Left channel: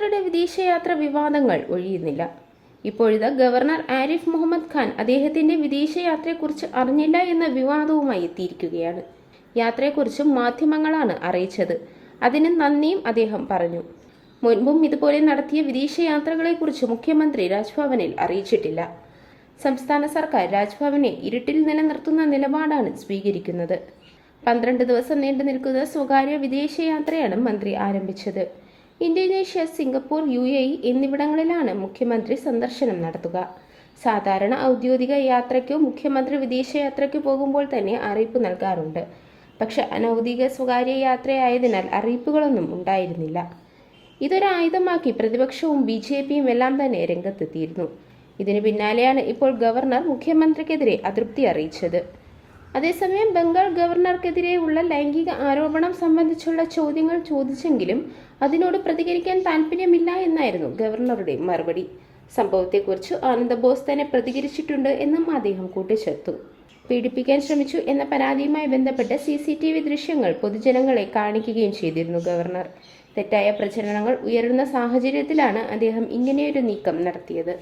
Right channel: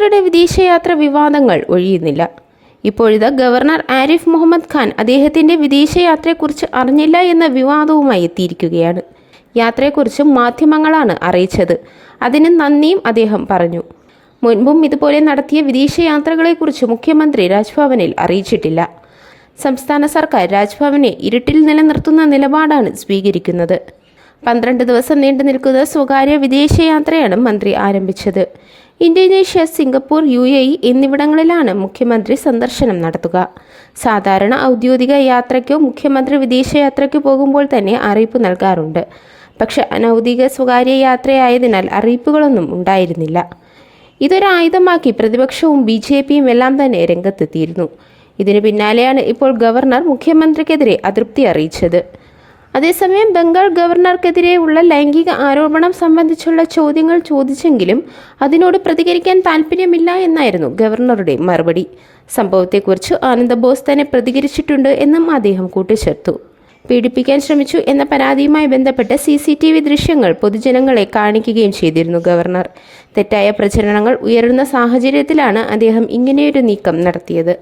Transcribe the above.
മുഖ്യമന്ത്രിയുടെ വിദേശയാത്ര വിവാദങ്ങൾ ഒഴിയുന്നില്ല. ഇപ്പോഴിത് ഗവർണർ ആരിഫ് മുഹമ്മദ് ഖാൻ അദ്ദേഹത്തിന്റെ വിദേശയാത്രയെക്കുറിച്ച് അറിഞ്ഞില്ല എന്ന വിവാദവുമായി എത്തിയിരിക്കുകയാണ്. യാത്രയെക്കുറിച്ച് മാധ്യമങ്ങളാണ് അറിയിച്ചത്. അതിന് നന്ദിയും അദ്ദേഹം പറഞ്ഞു. മുൻപും ഇതുപോലെ നടത്തിയ വിദേശയാത്രകളെക്കുറിച്ച് മുഖ്യമന്ത്രി രാജ്ഭവനിൽ അറിയിച്ചിട്ടില്ല. സംസ്ഥാന സർക്കാർ രാജ്ഭവനെ ഇരുട്ടിൽ നിലനിർത്തുന്ന നിലപാടാണ് സ്വീകരിക്കുന്നത്. പന്ത്രണ്ട് ദിവസം നീണ്ടു നിൽക്കുന്ന സ്വകാര്യ വിദേശയാത്രയാണ് മന്ത്രി ആരംഭിച്ചത്. Indonesia Singapore U A E എന്നിവിടങ്ങളിലാണ് മുഖ്യമന്ത്രി സന്ദർശനം നടത്തുക. സാധാരണ ഔദ്യോഗിക യാത്രയ്ക്കോ മുഖ്യമന്ത്രി വിദേശയാത്രയ്ക്കോ പോകുമ്പോൾ തന്നെ അറിയിപ്പ് നൽകാറുണ്ട്. പക്ഷെ അനൗദ്യോഗിക സ്വകാര്യ യാത്രയായതിനാൽ അറിയിപ്പുകളൊന്നും ഉണ്ടായിരുന്നില്ല. ഇതൊരായുധമാക്കി പ്രതിപക്ഷവും ബി ജെ പിയും എല്ലാം തന്നെ രംഗത്തെത്തിയിരുന്നു. ഇതിനു പിന്നാലെയാണ് ഇപ്പോൾ ഗവർണർ മുഖ്യമന്ത്രിക്കെതിരെ അതൃപ്തി അറിയിച്ചത്. അതേസമയം ബംഗാൾ ഗവർണർക്കെതിരെയുള്ള ലൈംഗിക ആരോപണം സംബന്ധിച്ചുള്ള ചോദ്യങ്ങൾ ചോദിച്ചെങ്കിലും അതിനോട് പ്രതികരിക്കാൻ താല്പര്യമില്ല എന്നായിരുന്നു ഗവർണറുടെ മറുപടി. സംഭവത്തെക്കുറിച്ച് ആനന്ദ ബോസ് തന്നെ പ്രതികരിച്ചിട്ടുണ്ട് എന്നും അദ്ദേഹം കൂട്ടിച്ചേർത്തു. പീഡിപ്പിക്കാൻ ശ്രമിച്ചു എന്ന പരാതിയുമായി ബന്ധപ്പെട്ട് സി സി ടി വി ദൃശ്യങ്ങൾ പൊതുജനങ്ങളെ കാണിക്കുകയും ചെയ്തിരുന്നു ഗവർണർ. തെറ്റായ പ്രചരണങ്ങൾ ഉയരുന്ന സാഹചര്യത്തിലാണ് അദ്ദേഹം ഇങ്ങനെയൊരു നീക്കം നടത്തിയത്.